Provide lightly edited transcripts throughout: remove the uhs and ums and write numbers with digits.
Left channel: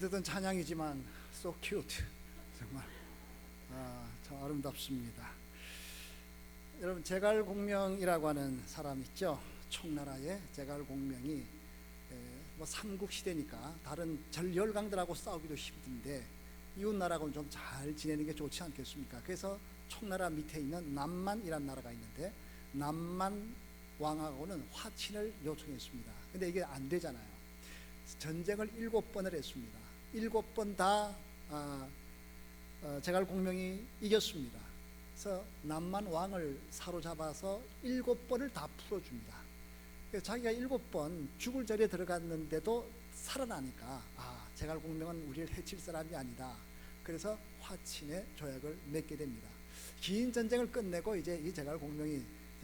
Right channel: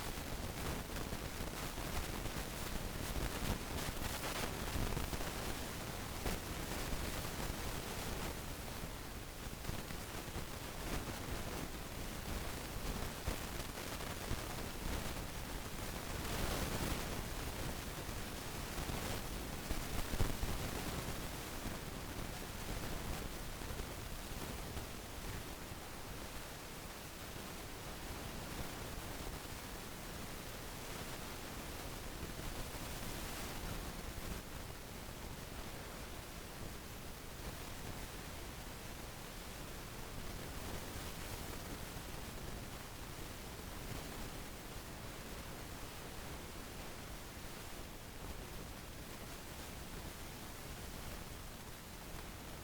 듣던 찬양이지만 so cute. 아름답습니다. 여러분, 제갈공명이라고 하는 사람 있죠? 청나라의 제갈공명이 삼국시대니까 다른 전 열강들하고 싸우기도 싶은데 이웃나라하고는 좀 잘 지내는 게 좋지 않겠습니까? 그래서 청나라 밑에 있는 남만이라는 나라가 있는데 남만 왕하고는 화친을 요청했습니다. 근데 이게 안 되잖아요. 전쟁을 7번을 했습니다. 7번 다 제갈공명이 이겼습니다. 그래서 남만 왕을 사로잡아서 7번을 다 풀어줍니다. 그래서 자기가 7번 죽을 절에 들어갔는데도 살아나니까 제갈공명은 우리를 해칠 사람이 아니다. 그래서 화친의 조약을 맺게 됩니다. 긴 전쟁을 끝내고 이제 이 제갈공명이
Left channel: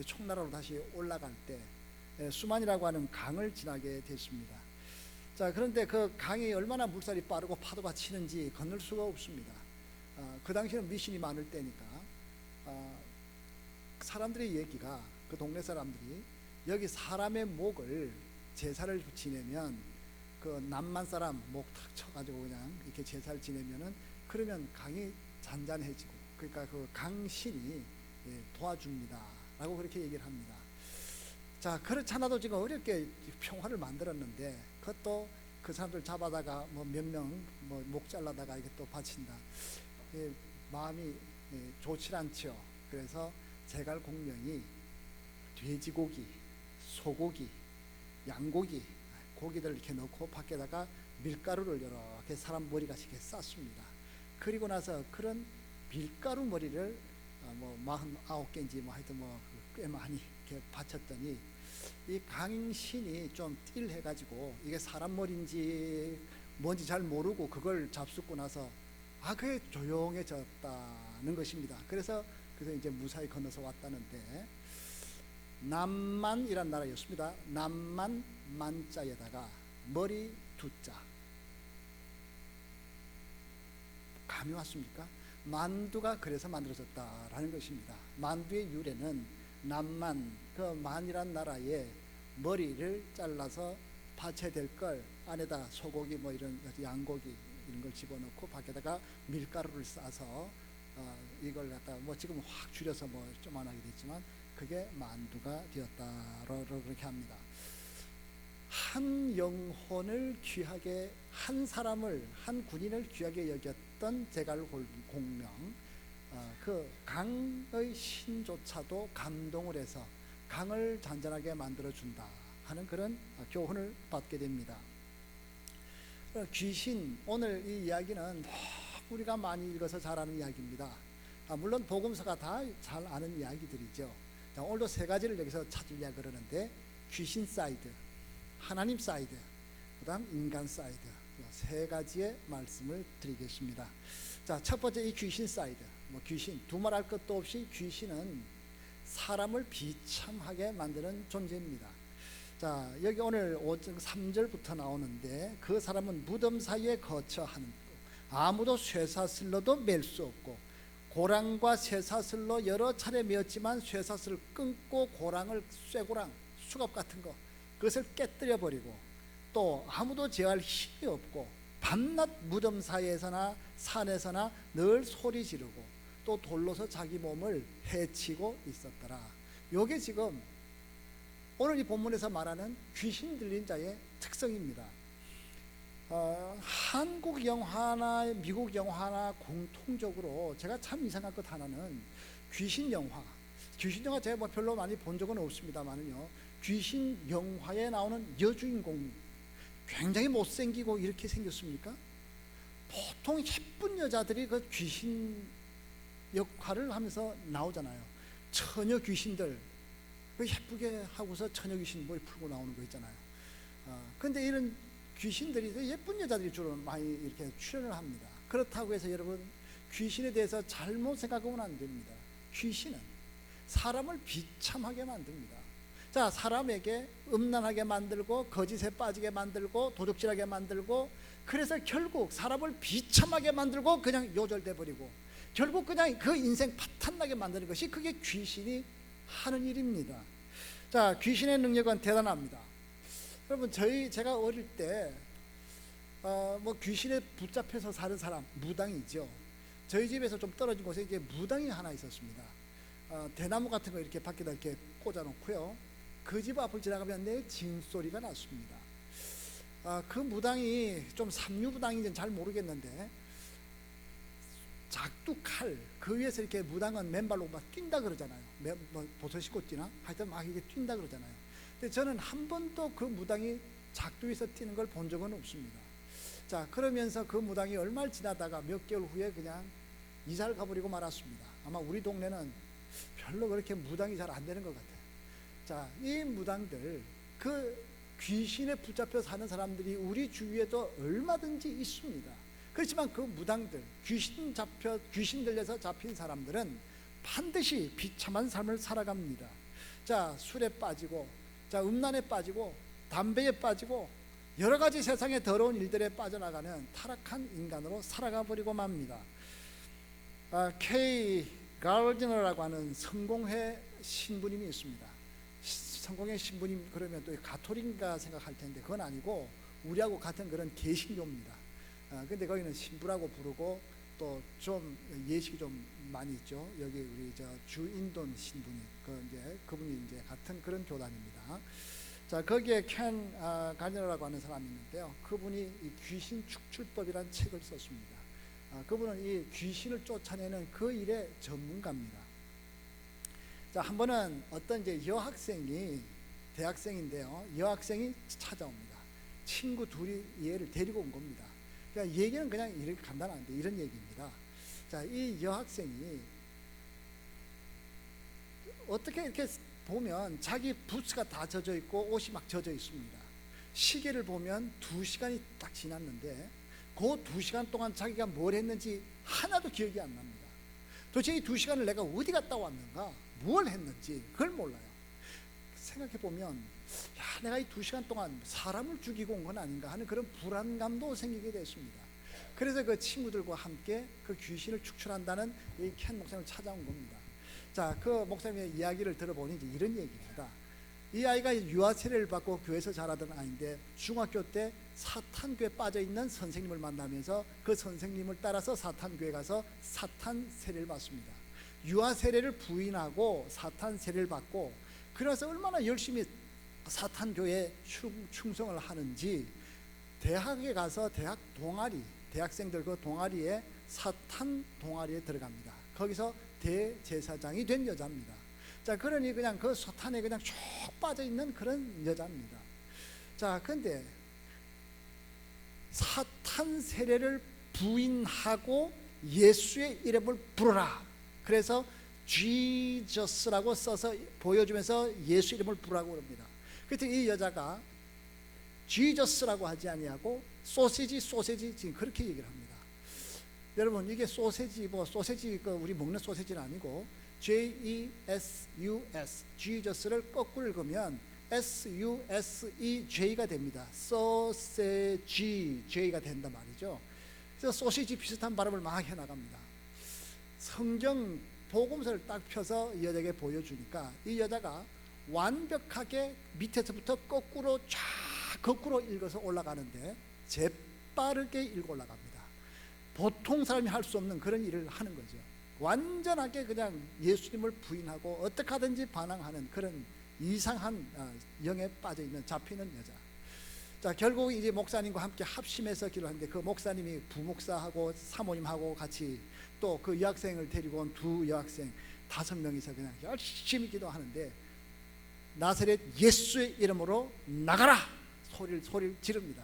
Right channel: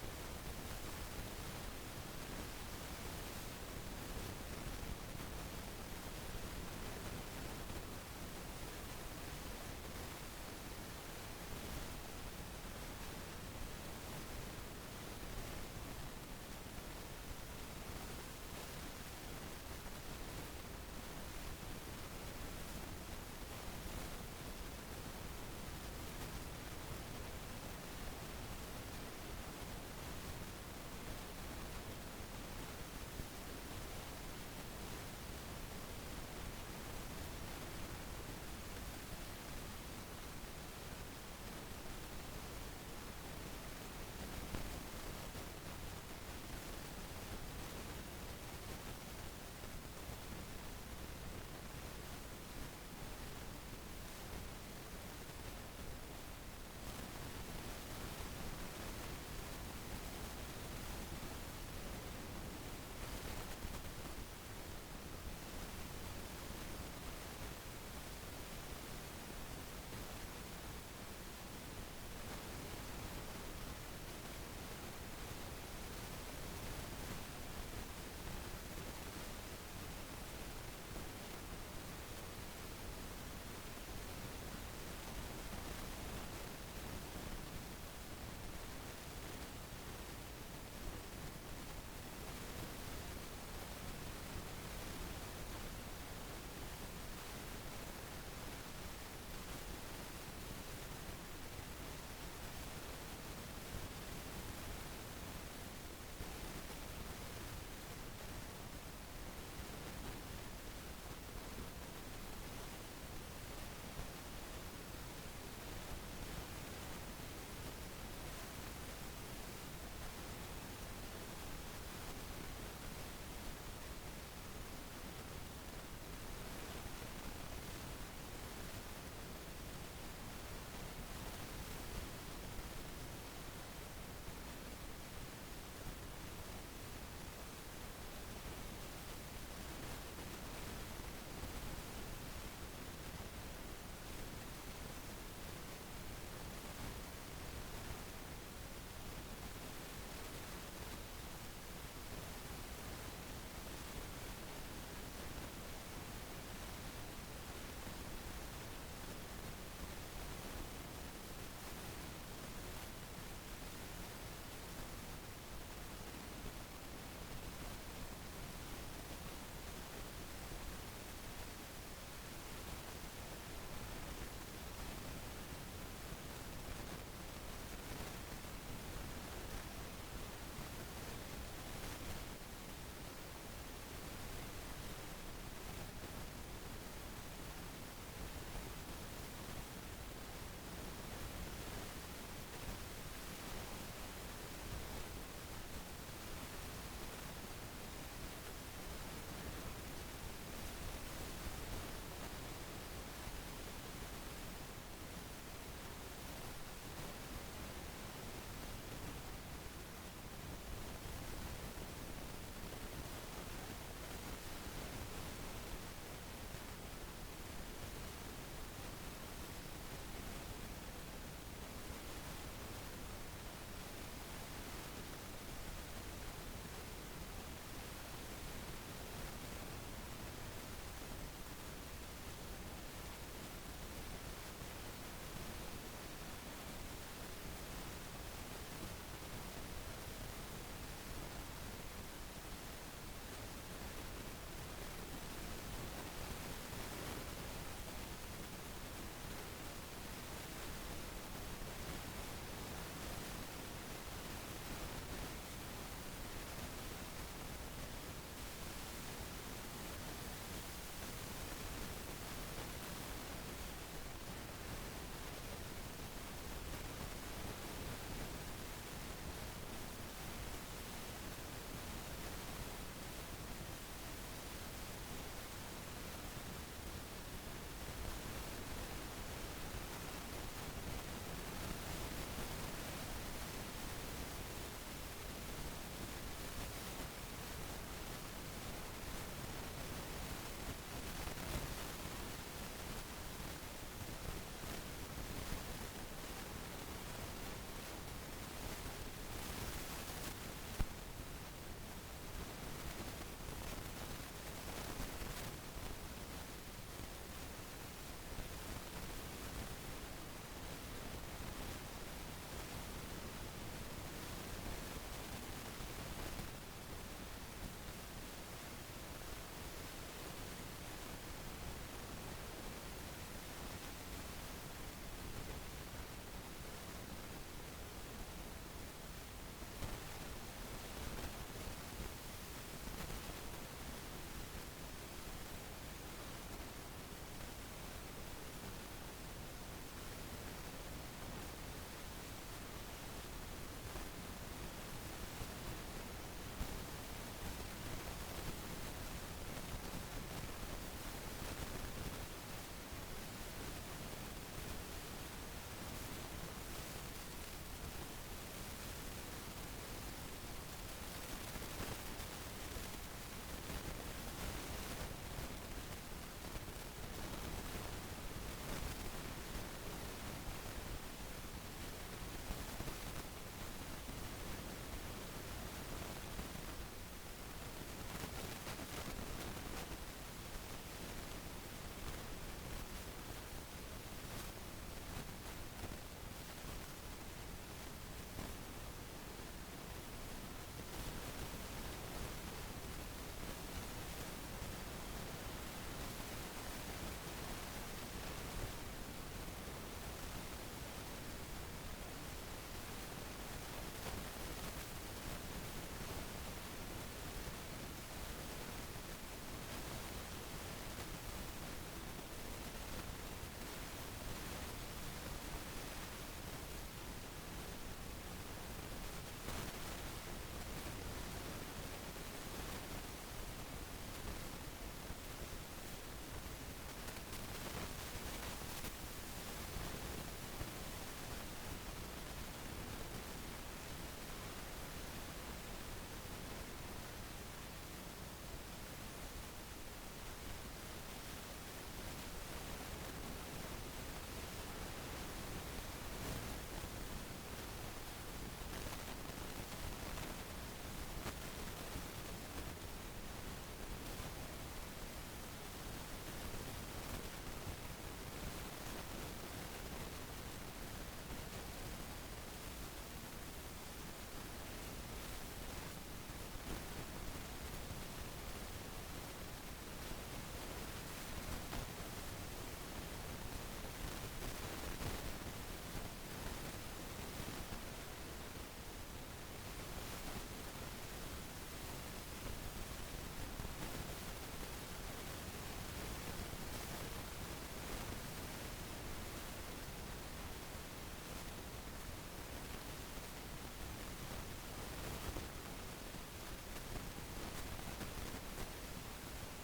청나라로 다시 올라갈 때 수만이라고 하는 강을 지나게 됐습니다. 자, 그런데 그 강이 얼마나 물살이 빠르고 파도가 치는지 건널 수가 없습니다. 그 당시에는 미신이 많을 때니까 사람들의 얘기가, 그 동네 사람들이 여기 사람의 목을 제사를 지내면 그 남만 사람 목 쳐가지고 그냥 이렇게 제사를 지내면은 그러면 강이 잔잔해지고, 그러니까 그 강신이 도와줍니다 라고 그렇게 얘기를 합니다. 자, 그렇지 않아도 지금 어렵게 평화를 만들었는데 그것도 그 사람들 잡아다가 뭐 몇 명 목 잘라다가 이렇게 바친다. 마음이 좋지 않죠. 그래서 제갈공명이 돼지고기, 소고기, 양고기, 고기들 이렇게 넣고 밖에다가 밀가루를 이렇게 사람 머리같이 이렇게 쌌습니다. 그리고 나서 그런 밀가루 머리를 49개인지 하여튼 꽤 많이 바쳤더니 이 강신이 좀 띠를 해가지고 이게 사람 머리인지 뭔지 잘 모르고 그걸 잡수고 나서 그게 조용해졌다는 것입니다. 그래서 이걸 이제 무사히 건너서 왔다는데, 남만이란 나라였습니다. 남만 만자에다가 머리 두자. 감이 왔습니까? 만두가 그래서 만들어졌다라는 것입니다. 만두의 유래는 남만, 그 만이란 나라의 머리를 잘라서 받쳐야 될 걸 안에다 소고기 뭐 이런 양고기 이런 거 집어넣고 밖에다가 밀가루를 싸서 이걸 갖다 뭐 지금 확 줄여서 뭐 좀 안 알겠지만 그게 만두가 되었다라고 그렇게 합니다. 한 영혼을 귀하게, 한 사람을, 한 군인을 귀하게 여겼던 제갈공명, 그 강의 신조차도 감동을 해서 강을 잔잔하게 만들어준다 하는 그런 교훈을 받게 됩니다. 귀신, 오늘 이 이야기는 우리가 많이 읽어서 잘 아는 이야기입니다. 물론 복음서가 다 잘 아는 이야기들이죠. 오늘도 세 가지를 여기서 찾으려고 그러는데, 귀신 사이드, 하나님 사이드, 그 다음 인간 사이드, 세 가지의 말씀을 드리겠습니다. 자, 첫 번째 이 귀신 사이드. 귀신, 두말할 것도 없이 귀신은 사람을 비참하게 만드는 존재입니다. 자, 여기 오늘 3절부터 나오는데, 그 사람은 무덤 사이에 거처하니 아무도 쇠사슬로도 맬 수 없고, 고랑과 쇠사슬로 여러 차례 메었지만 쇠사슬을 끊고 고랑을, 쇠고랑, 수갑 같은 거, 그것을 깨뜨려 버리고, 또 아무도 제어할 힘이 없고 밤낮 무덤 사이에서나 산에서나 늘 소리 지르고 또 돌로서 자기 몸을 해치고 있었더라. 요게 지금 오늘 이 본문에서 말하는 귀신이 들린 자의 특성입니다. 한국 영화나 미국 영화나 공통적으로 제가 참 이상한 것 하나는 귀신 영화. 귀신 영화 제가 별로 많이 본 적은 없습니다만요. 귀신 영화에 나오는 여주인공이 굉장히 못생기고 이렇게 생겼습니까? 보통 예쁜 여자들이 그 귀신 역할을 하면서 나오잖아요. 처녀 귀신들, 그 예쁘게 하고서 처녀 귀신들 풀고 나오는 거 있잖아요. 근데 이런 귀신들이 예쁜 여자들이 주로 많이 이렇게 출연을 합니다. 그렇다고 해서 여러분, 귀신에 대해서 잘못 생각하면 안 됩니다. 귀신은 사람을 비참하게 만듭니다. 자, 사람에게 음란하게 만들고 거짓에 빠지게 만들고 도둑질하게 만들고, 그래서 결국 사람을 비참하게 만들고 그냥 요절돼 버리고 결국 그냥 그 인생 파탄나게 만드는 것이, 그게 귀신이 하는 일입니다. 자, 귀신의 능력은 대단합니다. 여러분, 제가 어릴 때 뭐 귀신에 붙잡혀서 사는 사람, 무당이죠. 저희 집에서 좀 떨어진 곳에 이게 무당이 하나 있었습니다. 대나무 같은 거 이렇게 밖에다 이렇게 꽂아놓고요. 그 집 앞을 지나가면 내 징소리가 났습니다. 그 무당이 좀 상류무당인지는 잘 모르겠는데 작두 칼, 그 위에서 이렇게 무당은 맨발로 막 뛴다 그러잖아요. 뭐 보소 신고 뛰나? 하여튼 막 이게 뛴다 그러잖아요. 근데 저는 한 번도 그 무당이 작두 위에서 뛰는 걸 본 적은 없습니다. 자, 그러면서 그 무당이 얼마를 지나다가 몇 개월 후에 그냥 이사를 가버리고 말았습니다. 아마 우리 동네는 별로 그렇게 무당이 잘 안 되는 것 같아요. 자, 이 무당들, 그 귀신에 붙잡혀 사는 사람들이 우리 주위에도 얼마든지 있습니다. 그렇지만 그 무당들, 귀신 들려서 잡힌 사람들은 반드시 비참한 삶을 살아갑니다. 자, 술에 빠지고, 자, 음란에 빠지고, 담배에 빠지고, 여러 가지 세상의 더러운 일들에 빠져나가면 타락한 인간으로 살아가 버리고 맙니다. K. 가르디너라고 하는 성공회 신부님이 있습니다. 성공회 신부님 그러면 또 가톨릭인가 생각할 텐데 그건 아니고 우리하고 같은 그런 개신교입니다. 근데 거기는 신부라고 부르고 또 좀 예식이 좀 많이 있죠. 여기 우리 주인돈 신부님, 그분이 이제 같은 그런 교단입니다. 자, 거기에 켄 가르디너라고 하는 사람이 있는데요. 그분이 이 귀신 축출법이라는 책을 썼습니다. 그분은 이 귀신을 쫓아내는 그 일의 전문가입니다. 자, 한 번은 어떤 이제 여학생이, 대학생인데요. 여학생이 찾아옵니다. 친구 둘이 얘를 데리고 온 겁니다. 그러니까 얘기는 그냥 이렇게 간단한데 이런 얘기입니다. 자, 이 여학생이 어떻게 이렇게 보면 자기 부츠가 다 젖어 있고 옷이 막 젖어 있습니다. 시계를 보면 2시간이 딱 지났는데 그 2시간 동안 자기가 뭘 했는지 하나도 기억이 안 납니다. 도대체 이 2시간을 내가 어디 갔다 왔는가, 뭘 했는지 그걸 몰라요. 생각해보면 내가 이 2시간 동안 사람을 죽이고 온 건 아닌가 하는 그런 불안감도 생기게 됐습니다. 그래서 그 친구들과 함께 그 귀신을 축출한다는 이 켄 목사님을 찾아온 겁니다. 자, 그 목사님의 이야기를 들어보니 이런 얘기입니다. 이 아이가 유아 세례를 받고 교회에서 자라던 아이인데 중학교 때 사탄교에 빠져있는 선생님을 만나면서 그 선생님을 따라서 사탄교에 가서 사탄 세례를 받습니다. 유아 세례를 부인하고 사탄 세례를 받고, 그래서 얼마나 열심히 사탄교에 충성을 하는지 대학에 가서 대학 동아리, 대학생들 그 동아리에 사탄 동아리에 들어갑니다. 거기서 대제사장이 된 여자입니다. 자, 그러니 그냥 그 사탄에 그냥 쭉 빠져있는 그런 여자입니다. 자, 근데 사탄 세례를 부인하고 예수의 이름을 부르라. 그래서 지저스라고 써서 보여주면서 예수 이름을 부르라고 합니다. 그때 이 여자가 지저스라고 하지 아니하고 소시지 그렇게 얘기합니다. 여러분, 이게 소세지고 소세지 우리 먹는 소세지는 아니고 J-E-S-U-S 지저스를 거꾸로 읽으면 S-U-S-E-J가 됩니다. 소세지 J가 된단 말이죠. 그래서 소시지 비슷한 발음을 막 해나갑니다. 성경 복음서를 딱 펴서 이 여자에게 보여주니까 이 여자가 완벽하게 밑에서부터 거꾸로 읽어서 올라가는데 재빠르게 읽어 올라갑니다. 보통 사람이 할 수 없는 그런 일을 하는 거죠. 완전하게 그냥 예수님을 부인하고 어떻게 하든지 반항하는 그런 이상한 영에 빠져있는, 잡히는 거죠. 자, 결국 이제 목사님과 함께 합심해서 기도하는데 그 목사님이 부목사하고 사모님하고 같이 또 그 여학생을 데리고 온 두 여학생 5명이서 그냥 열심히 기도하는데 나사렛 예수의 이름으로 나가라! 소리를 지릅니다.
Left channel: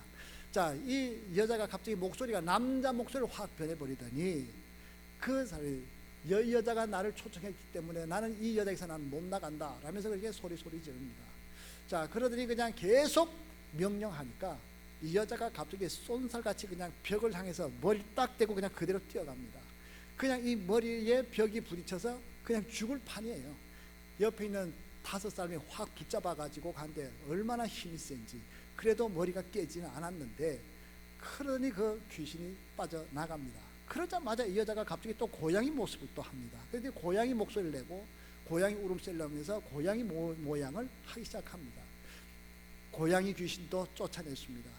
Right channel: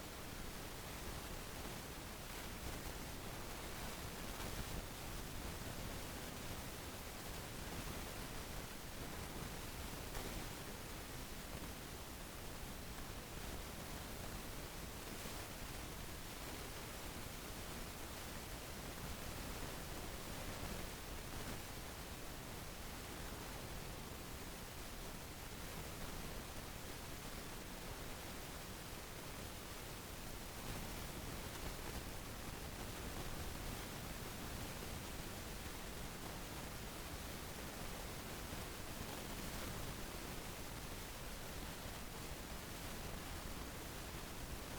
자, 이 여자가 갑자기 목소리가 남자 목소리로 확 변해버리더니 그 사이 여자가 나를 초청했기 때문에 나는 이 여자에서 나는 못 나간다 라면서 그렇게 소리 지릅니다. 자, 그러더니 그냥 계속 명령하니까 이 여자가 갑자기 쏜살같이 그냥 벽을 향해서 머리 딱 대고 그냥 그대로 뛰어갑니다. 그냥 이 머리에 벽이 부딪혀서 그냥 죽을 판이에요. 옆에 있는 5사람이 확 붙잡아가지고 간데 얼마나 힘이 센지. 그래도 머리가 깨지는 않았는데 그러니 그 귀신이 빠져나갑니다. 그러자마자 이 여자가 갑자기 또 고양이 모습을 또 합니다. 그래서 고양이 목소리를 내고 고양이 울음소리를 내면서 고양이 모양을 하기 시작합니다. 고양이 귀신도 쫓아냈습니다.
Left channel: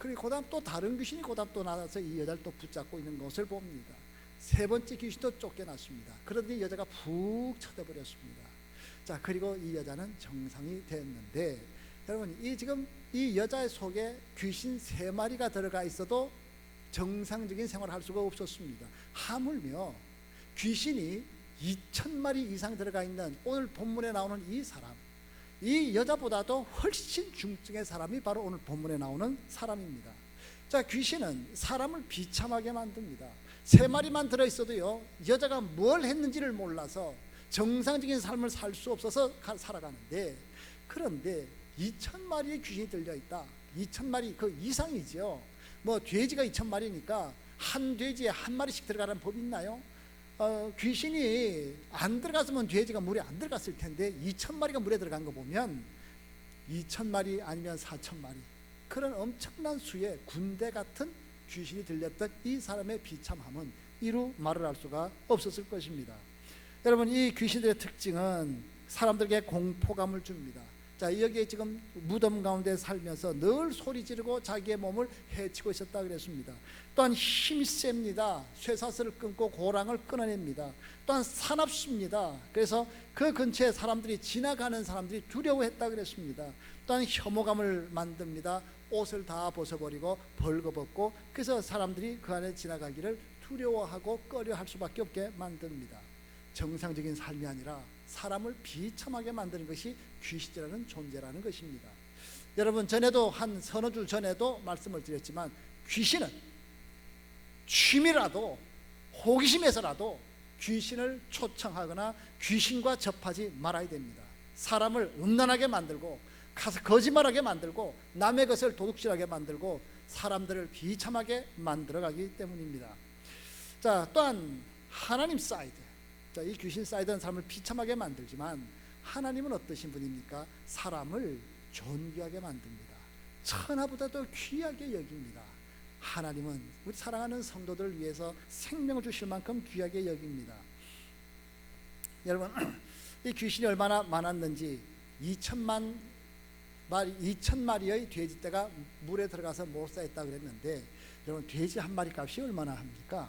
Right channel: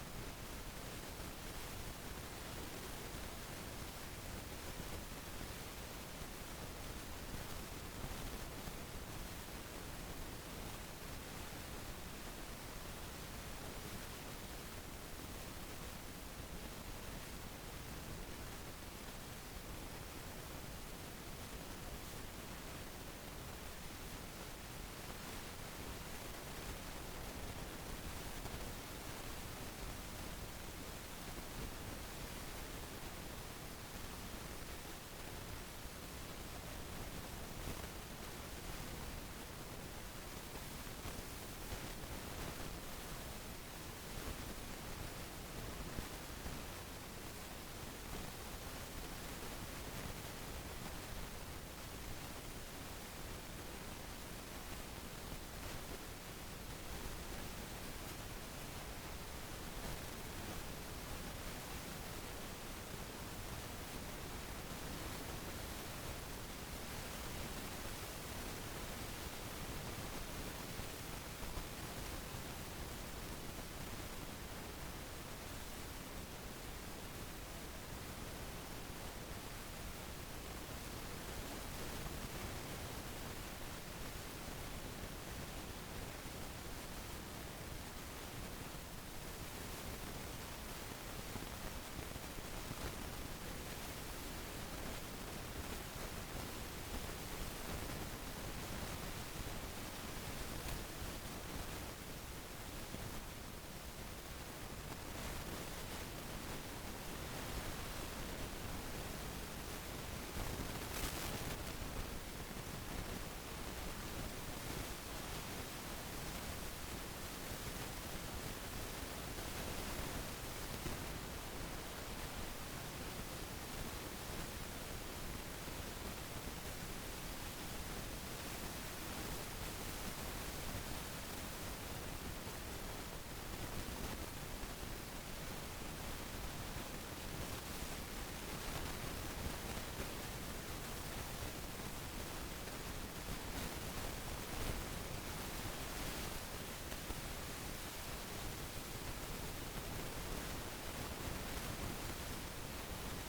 그리고 그다음 또 다른 귀신이 그다음 또 나와서 이 여자를 또 붙잡고 있는 것을 봅니다. 세 번째 귀신도 쫓겨났습니다. 그런데 여자가 푹 쳐다버렸습니다. 자, 그리고 이 여자는 정상이 되는데, 여러분 이 지금 이 여자 속에 귀신 세 마리가 들어가 있어도 정상적인 생활을 할 수가 없었습니다. 하물며 귀신이 2,000마리 이상 들어가 있는 오늘 본문에 나오는 이 사람, 이 여자보다도 훨씬 중증의 사람이 바로 오늘 본문에 나오는 사람입니다. 자, 귀신은 사람을 비참하게 만듭니다. 세 마리만 들어있어도요, 여자가 뭘 했는지를 몰라서 정상적인 삶을 살 수 없어서 살아가는데, 그런데 2,000마리의 귀신이 들려있다. 2,000마리 그 이상이죠. 뭐 돼지가 2,000마리니까 한 돼지에 한 마리씩 들어가는 법이 있나요? 귀신이 안 들어갔으면 돼지가 물에 안 들어갔을 텐데 2,000마리가 물에 들어간 거 보면 2,000마리 아니면 4,000마리, 그런 엄청난 수의 군대 같은 귀신이 들렸던 이 사람의 비참함은 이루 말을 할 수가 없었을 것입니다. 여러분, 이 귀신들의 특징은 사람들에게 공포감을 줍니다. 자, 여기에 지금 무덤 가운데 살면서 늘 소리 지르고 자기의 몸을 해치고 있었다고 그랬습니다. 또한 힘이 셉니다. 쇠사슬을 끊고 고랑을 끊어냅니다. 또한 사납습니다. 그래서 그 근처에 사람들이 지나가는 사람들이 두려워했다고 그랬습니다. 또한 혐오감을 만듭니다. 옷을 다 벗어버리고 벌거벗고, 그래서 사람들이 그 안에 지나가기를 두려워하고 꺼려할 수밖에 없게 만듭니다. 정상적인 삶이 아니라 사람을 비참하게 만드는 것이 귀신이라는 존재라는 것입니다. 여러분, 전에도 한 서너 주 전에도 말씀을 드렸지만, 귀신은 취미라도 호기심에서라도 귀신을 초청하거나 귀신과 접하지 말아야 됩니다. 사람을 음란하게 만들고 거짓말하게 만들고 남의 것을 도둑질하게 만들고 사람들을 비참하게 만들어가기 때문입니다. 자, 또한 하나님 사이드, 자, 이 귀신 사이드는 사람을 비참하게 만들지만 하나님은 어떠신 분입니까? 사람을 존귀하게 만듭니다. 천하보다도 귀하게 여깁니다. 하나님은 우리 사랑하는 성도들 위해서 생명을 주실 만큼 귀하게 여깁니다. 여러분, 이 귀신이 얼마나 많았는지 2,000마리의 돼지떼가 물에 들어가서 목사했다고 그러는데, 여러분 돼지 한 마리 값이 얼마나 합니까?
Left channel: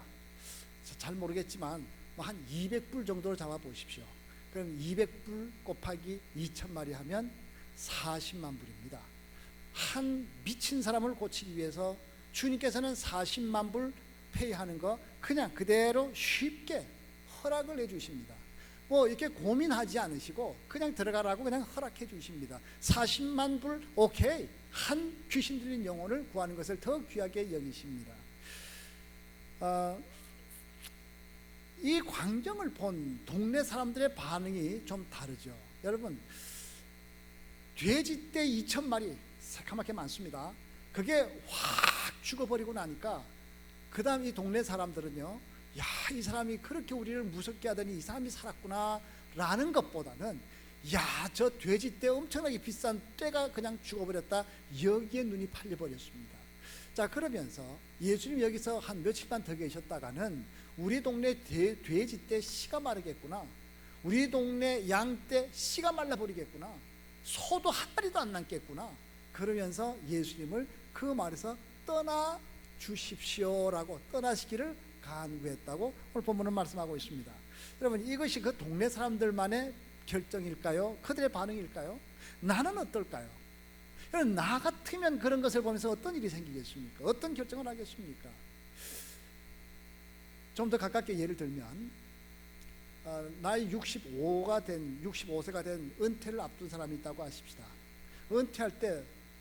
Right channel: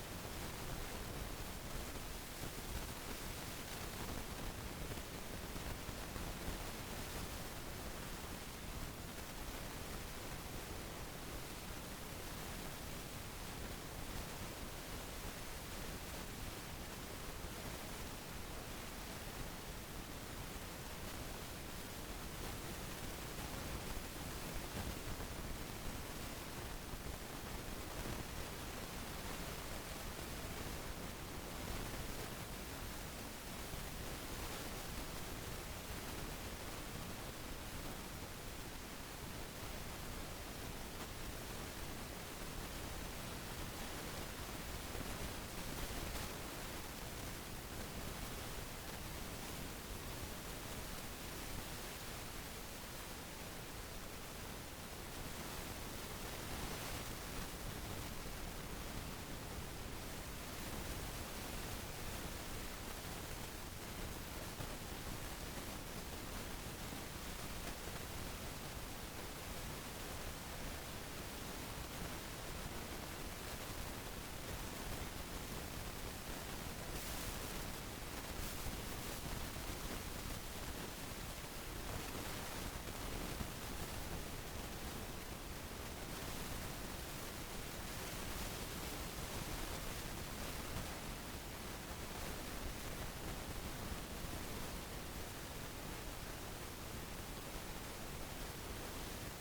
잘 모르겠지만 한 200불 정도를 잡아보십시오. 그럼 200불 곱하기 2,000마리 하면 40만 불입니다. 한 미친 사람을 고치기 위해서 주님께서는 40만 불 페이하는 거 그냥 그대로 쉽게 허락을 해주십니다. 뭐 이렇게 고민하지 않으시고 그냥 들어가라고 그냥 허락해 주십니다. 40만 불 오케이. 한 귀신 들린 영혼을 구하는 것을 더 귀하게 여기십니다. 이 광경을 본 동네 사람들의 반응이 좀 다르죠. 여러분, 돼지떼 2,000마리 새까맣게 많습니다. 그게 확 죽어버리고 나니까 그 다음 이 동네 사람들은요, 야, 이 사람이 그렇게 우리를 무섭게 하더니 이 사람이 살았구나 라는 것보다는, 야, 저 돼지떼 엄청나게 비싼 떼가 그냥 죽어버렸다, 여기에 눈이 팔려버렸습니다. 자, 그러면서 예수님 여기서 한 며칠간 더 계셨다가는 우리 동네 돼지떼 씨가 마르겠구나, 우리 동네 양떼 씨가 말라버리겠구나, 소도 한 마리도 안 남겠구나, 그러면서 예수님을 그 말에서 떠나 주십시오라고 떠나시기를 간구했다고 오늘 본문은 말씀하고 있습니다. 여러분, 이것이 그 동네 사람들만의 결정일까요? 그들의 반응일까요? 나는 어떨까요? 나 같으면 그런 것을 보면서 어떤 일이 생기겠습니까? 어떤 결정을 하겠습니까? 좀 더 가깝게 예를 들면, 나이 65세가 된 은퇴를 앞둔 사람이 있다고 하십시다. 은퇴할 때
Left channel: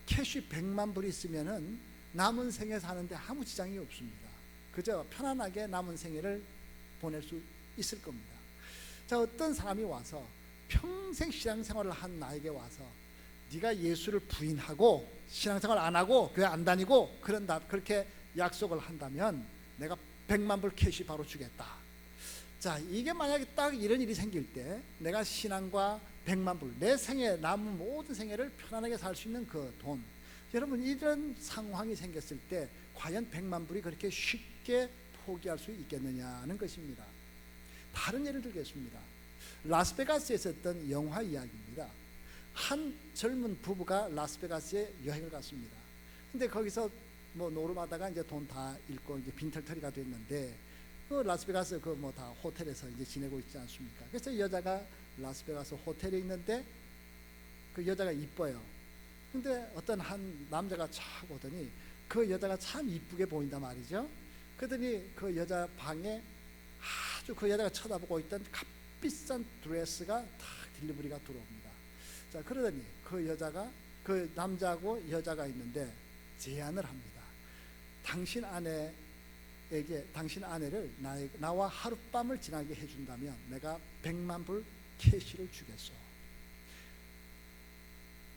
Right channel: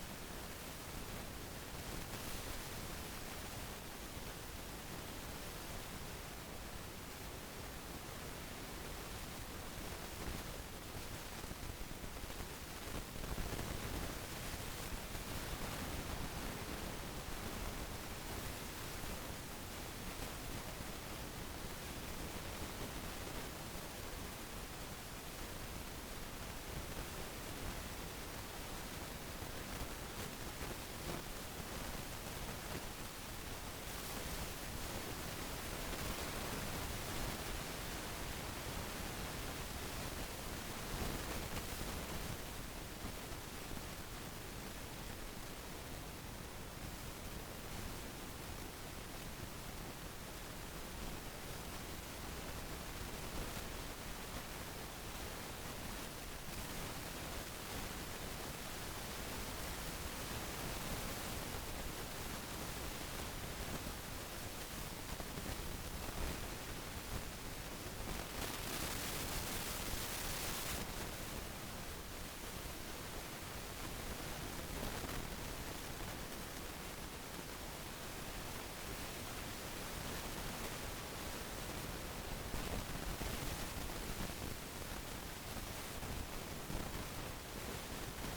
캐시 100만 불이 있으면은 남은 생애 사는데 아무 지장이 없습니다. 그저 편안하게 남은 생애를 보낼 수 있을 겁니다. 자, 어떤 사람이 와서 평생 신앙생활을 한 나에게 와서 네가 예수를 부인하고 신앙생활 안 하고 교회 안 다니고 그런다, 그렇게 약속을 한다면 내가 100만 불 캐시 바로 주겠다. 자, 이게 만약에 딱 이런 일이 생길 때 내가 신앙과 100만 불, 내 생애, 남은 모든 생애를 편안하게 살 수 있는 그 돈, 여러분, 이런 상황이 생겼을 때 과연 100만 불이 그렇게 쉽게 포기할 수 있겠느냐는 것입니다. 다른 예를 들겠습니다. 라스베가스에 있었던 영화 이야기입니다. 한 젊은 부부가 라스베가스에 여행을 갔습니다. 근데 거기서 뭐 노름하다가 이제 돈 다 잃고 이제 빈털터리가 됐는데 그 라스베가스 그 뭐 다 호텔에서 이제 지내고 있지 않습니까? 그래서 여자가 라스베가스 호텔에 있는데 그 여자가 이뻐요. 근데 어떤 한 남자가 촥 오더니 그 여자가 참 이쁘게 보인단 말이죠. 그러더니 그 여자 방에 아주 그 여자가 쳐다보고 있던 값비싼 드레스가 딜리버리가 되거든요. 자, 그러더니 그 여자가 그 남자하고 여자가 있는데 제안을 합니다. 당신 아내에게 당신 아내를 나와 하룻밤을 지나게 해준다면 내가 100만 불 캐시를 주겠소.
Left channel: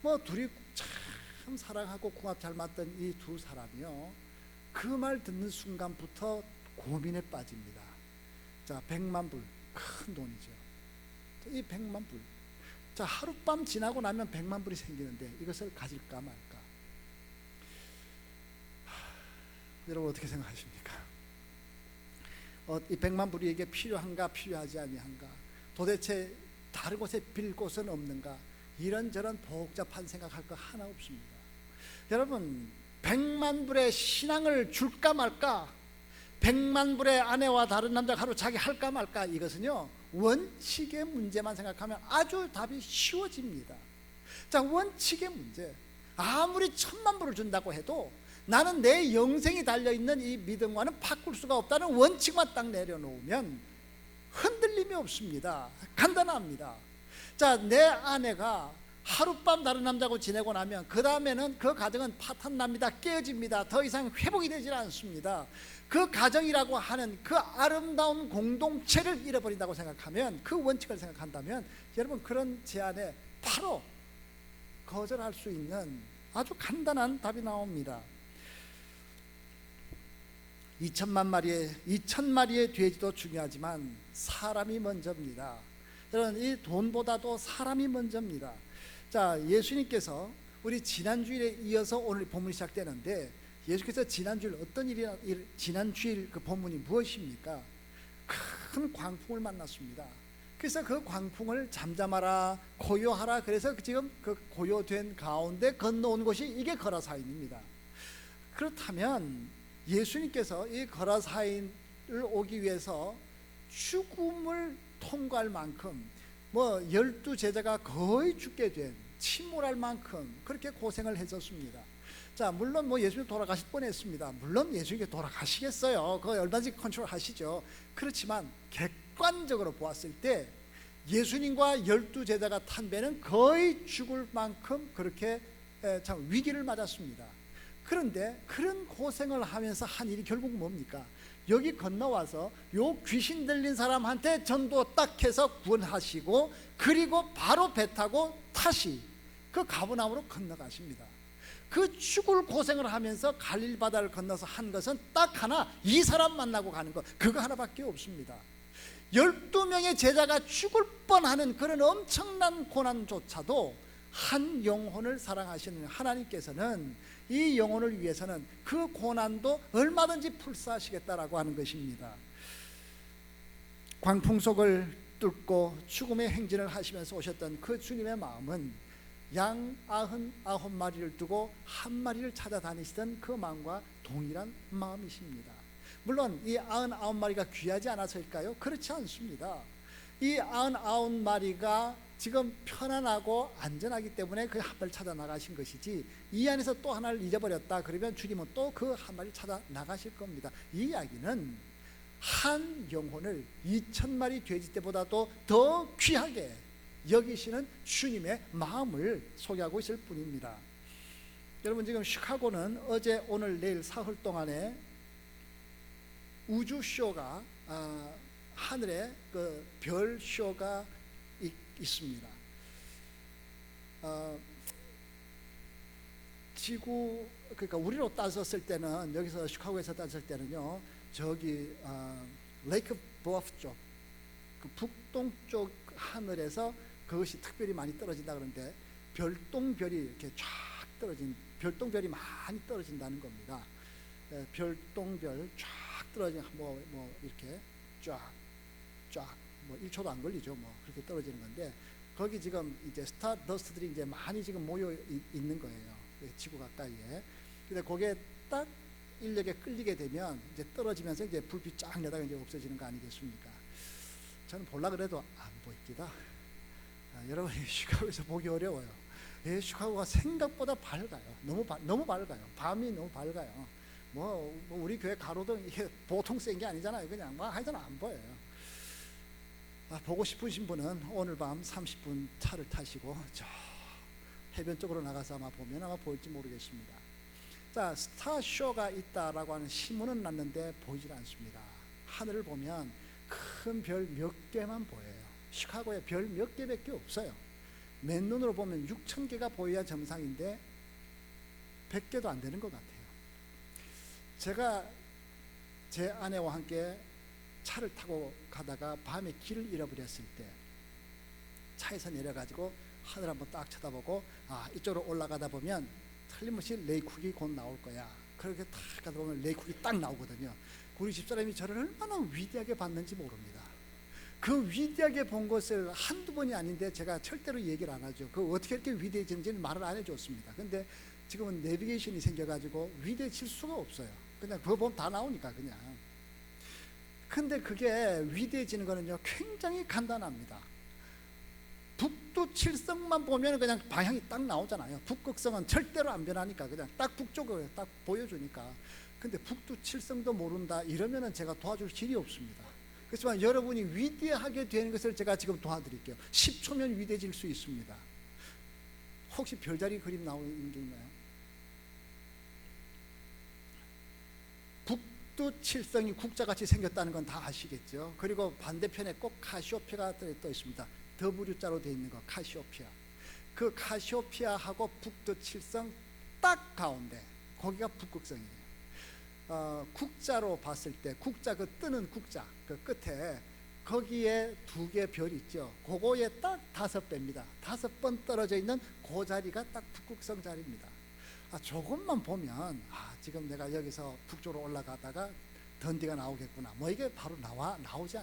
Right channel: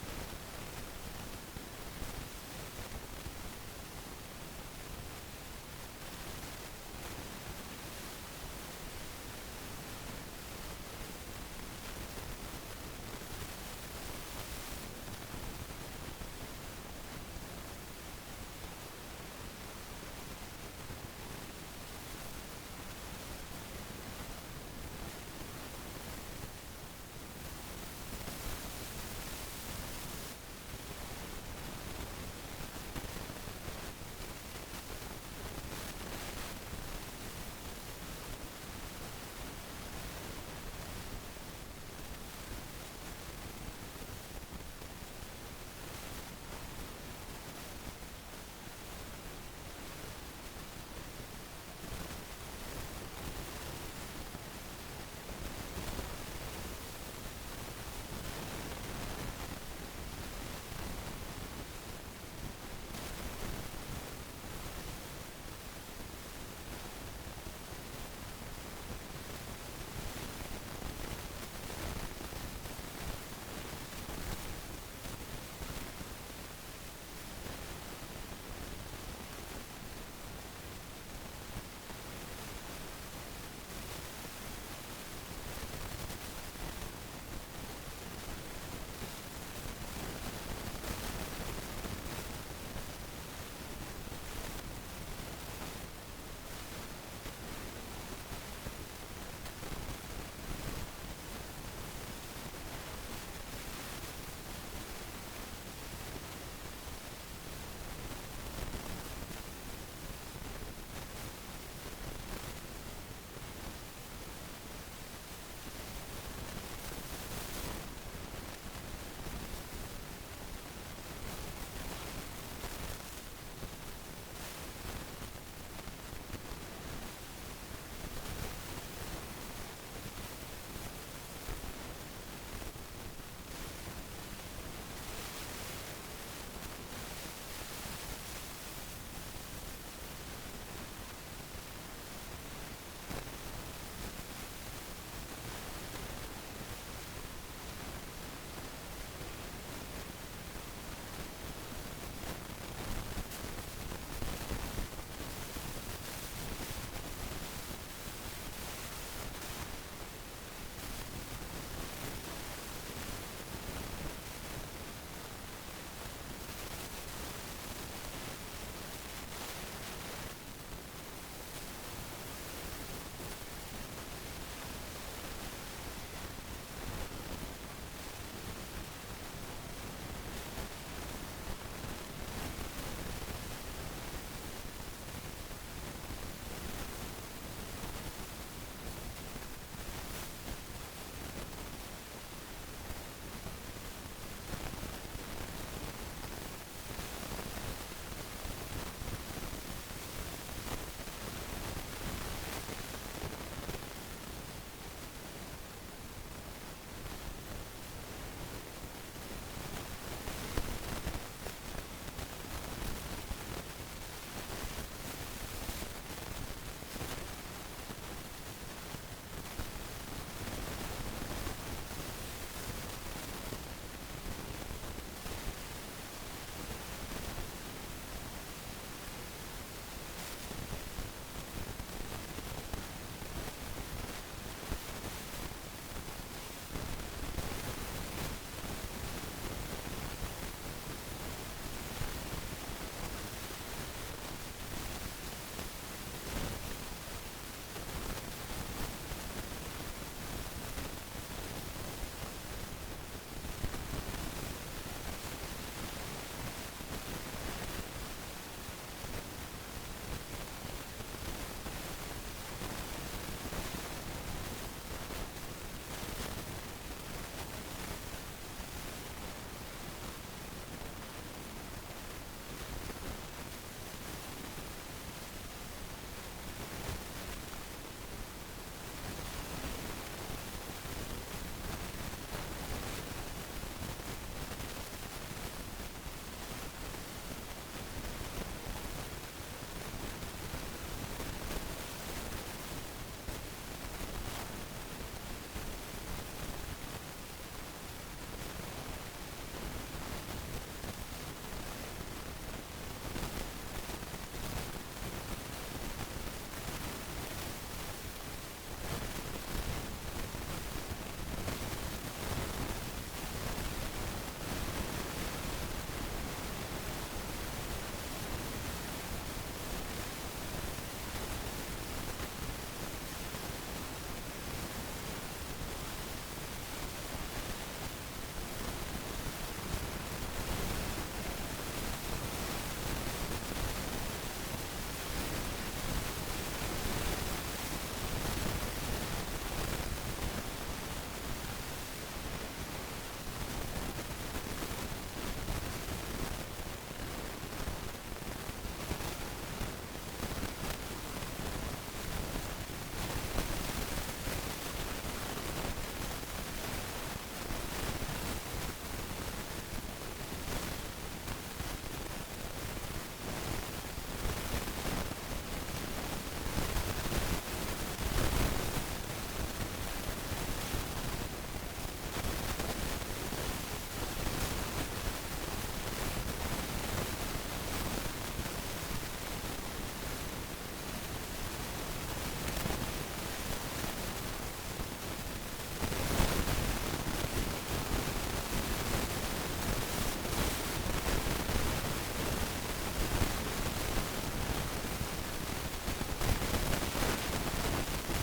뭐 둘이 참 사랑하고 궁합 잘 맞던 이 두 사람은요, 그 말 듣는 순간부터 고민에 빠집니다. 자, 100만 불, 큰 돈이죠. 이 100만 불. 자, 하룻밤 지나고 나면 100만 불이 생기는데 이것을 가질까? 여러분 어떻게 생각하십니까? 이 100만 불이 이게 필요한가 필요하지 아니한가? 도대체 다른 곳에 빌 곳은 없는가? 이런저런 복잡한 생각할 거 하나 없습니다. 여러분 100만 불의 신앙을 줄까 말까? 100만 불의 아내와 다른 남자가 하루 자기 할까 말까? 이것은요 원칙의 문제만 생각하면 아주 답이 쉬워집니다. 자, 원칙의 문제. 아무리 1000만 불을 준다고 해도 나는 내 영생이 달려있는 이 믿음과는 바꿀 수가 없다는 원칙만 딱 내려놓으면 흔들림이 없습니다. 간단합니다. 자, 내 아내가 하룻밤 다른 남자하고 지내고 나면 그 다음에는 그 가정은 파탄납니다. 깨집니다. 더 이상 회복이 되질 않습니다. 그 가정이라고 하는 그 아름다운 공동체를 잃어버린다고 생각하면, 그 원칙을 생각한다면 여러분 그런 제안에 바로 거절할 수 있는 아주 간단한 답이 나옵니다. 2,000마리의 돼지도 중요하지만 사람이 먼저입니다. 여러분 이 돈보다도 사람이 먼저입니다. 자, 예수님께서 우리 지난주일에 이어서 오늘 본문이 시작되는데, 예수께서 지난주일 지난주일 그 본문이 무엇입니까? 큰 광풍을 만났습니다. 그래서 그 광풍을 잠잠하라, 고요하라. 그래서 지금 그 고요된 가운데 건너온 곳이 이게 거라사인입니다. 그렇다면 예수님께서 이 거라사인을 오기 위해서 죽음을 통과할 만큼, 뭐 12제자가 거의 죽게 된, 침몰할 만큼 그렇게 고생을 했었습니다. 자, 물론 뭐 예수님 돌아가실 뻔했습니다. 물론 예수님이 돌아가시겠어요. 그거 얼마든지 컨트롤 하시죠. 그렇지만 객관적으로 보았을 때 예수님과 12제자가 탄 배는 거의 죽을 만큼 그렇게 참 위기를 맞았습니다. 그런데 그런 고생을 하면서 한 일이 결국 뭡니까? 여기 건너와서 요 귀신 들린 사람한테 전도 딱 해서 구원하시고, 그리고 바로 배 타고 다시 그 가버나움으로 건너가십니다. 그 죽을 고생을 하면서 갈릴 바다를 건너서 한 것은 딱 하나, 이 사람 만나고 가는 것, 그거 하나밖에 없습니다. 12명의 제자가 죽을 뻔하는 그런 엄청난 고난조차도 한 영혼을 사랑하시는 하나님께서는 이 영혼을 위해서는 그 고난도 얼마든지 불사하시겠다라고 하는 것입니다. 광풍 속을 뚫고 죽음의 행진을 하시면서 오셨던 그 주님의 마음은 양 99마리를 두고 한 마리를 찾아다니시던 그 마음과 동일한 마음이십니다. 물론 이 99마리가 귀하지 않았을까요? 그렇지 않습니다. 이 99마리가 지금 편안하고 안전하기 때문에 그 한 마리 찾아 나가신 것이지, 이 안에서 또 하나를 잊어버렸다 그러면 주님은 또 그 한 마리 찾아 나가실 겁니다. 이 이야기는 한 영혼을 2,000마리 돼지 때보다도 더 귀하게 여기시는 주님의 마음을 소개하고 있을 뿐입니다. 여러분 지금 시카고는 어제 오늘 내일 사흘 동안에 우주쇼가 하늘에 그 별쇼가 있습니다. 지구, 그러니까 우리로 따졌을 때는, 여기서 시카고에서 따졌을 때는요, 저기 레이크 브루프 쪽, 북동쪽 하늘에서 그것이 특별히 많이 떨어진다 그러는데, 별똥별이 이렇게 쫙 떨어집니다. 별똥별이 많이 떨어진다는 겁니다. 별똥별 쫙 떨어지고 이렇게 쫙 1초도 안 걸리죠. 이렇게 떨어지는데, 거기 지금 이제 스타더스트들이 이제 많이 지금 모여 있는 겁니다. 지구 가까이에. 그래서 거기에 딱 인력에 끌리게 되면 이제 떨어지면서 이제 불이 쫙 내려 이제 떨어지는 거 아니겠습니까? 저는 볼라 그래도 여러분이 시카고에서 보기 어려워. 시카고가 생각보다 밝아요. 너무 밝아요. 밤이 너무 밝아요. 뭐 우리 교회 가로등 이렇게 보통 센 게 아니잖아요. 그냥 뭐 하여튼 안 보여요. 보고 싶으신 분은 오늘 밤 30분 차를 타시고 해변 쪽으로 나가서 보면 아마 보일지 모르겠습니다. 자, 스타쇼가 있다라고 하는 신문은 났는데 보인다고 했습니다. 하늘을 보면 큰 별 몇 개만, 시카고에 별 몇 개밖에 없어요. 맨눈으로 보면 6,000개가 보여야 정상인데 100개도 안 되는 거고. 제가 제 아내와 함께 차를 타고 가다가 밤에 길을 잃어버렸어요. 차에서 내려가고 하늘 한번 딱 쳐다보고 이쪽으로 올라가다 보면 무슨 레이크가 곧 나올 거야. 그리고 가다 보면 레이크가 딱 나오거든요. 우리 집사람이 저를 얼마나 위대하게 봤는지 모르겠어요. 그 위대하게 본 것을 한두 번이 아닌데 제가 절대로 얘기를 안 하죠. 그 어떻게 이렇게 위대해진지 말을 안 해줬습니다. 근데 지금은 레디에이션이 생겨가지고 위대해질 수가 없어요. 그냥 그거 보면 다 나옵니다. 근데 그게 위대해진 거는요, 굉장히 간단합니다. 북두칠성만 보면 그냥 방향이 딱 나오잖아요. 북극성은 절대로 안 변하니까 그냥 딱 그쪽을 딱 보여주니까. 근데 북두칠성도 모른다 이러면은 제가 도와줄 길이 없습니다. 그렇지만 여러분이 위대하게 된 것을 제가 지금 도와드리죠. 10초면 위대해질 수 있습니다. 혹시 별자리 그림 나오는 분이 북두칠성이 북자같이 생겼다는 건 다 아시겠고요. 그리고 반대편에 또 카시오페아가 되어 있습니다. 더부두자로 되어 있는 카시오페아. 그 카시오페아하고 북두칠성 딱 나옵니다. 거기가 북두칠성. 국자로 봤을 때, 국자, 그 뜨는 국자, 그 끝에, 거기에 두 개 별 있죠. 그거에 딱 5번 떨어져 있는 그 자리가 딱 북두칠성입니다. 조금만 보면, 내가 여기서 이쪽으로 올라가다가 전기가 나오거든요. 이거 가보자.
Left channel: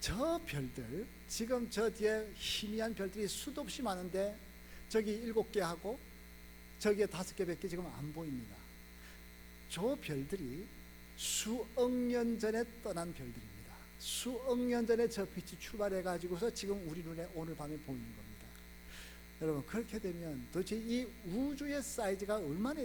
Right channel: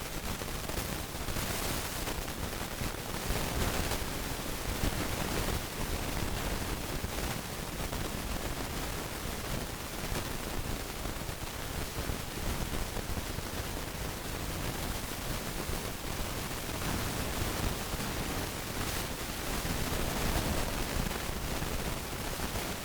저 별들이 지금 저기에 희미한 저기 수많은 게 저기 7개 하고 저기에 5개를 거기다 보내는 저 별들이 수억 년 전에 떠난 수억 년 전에 저 출발해가지고서 지금 가는 거예요. 그래서 이 우주의 사이즈가 얼마나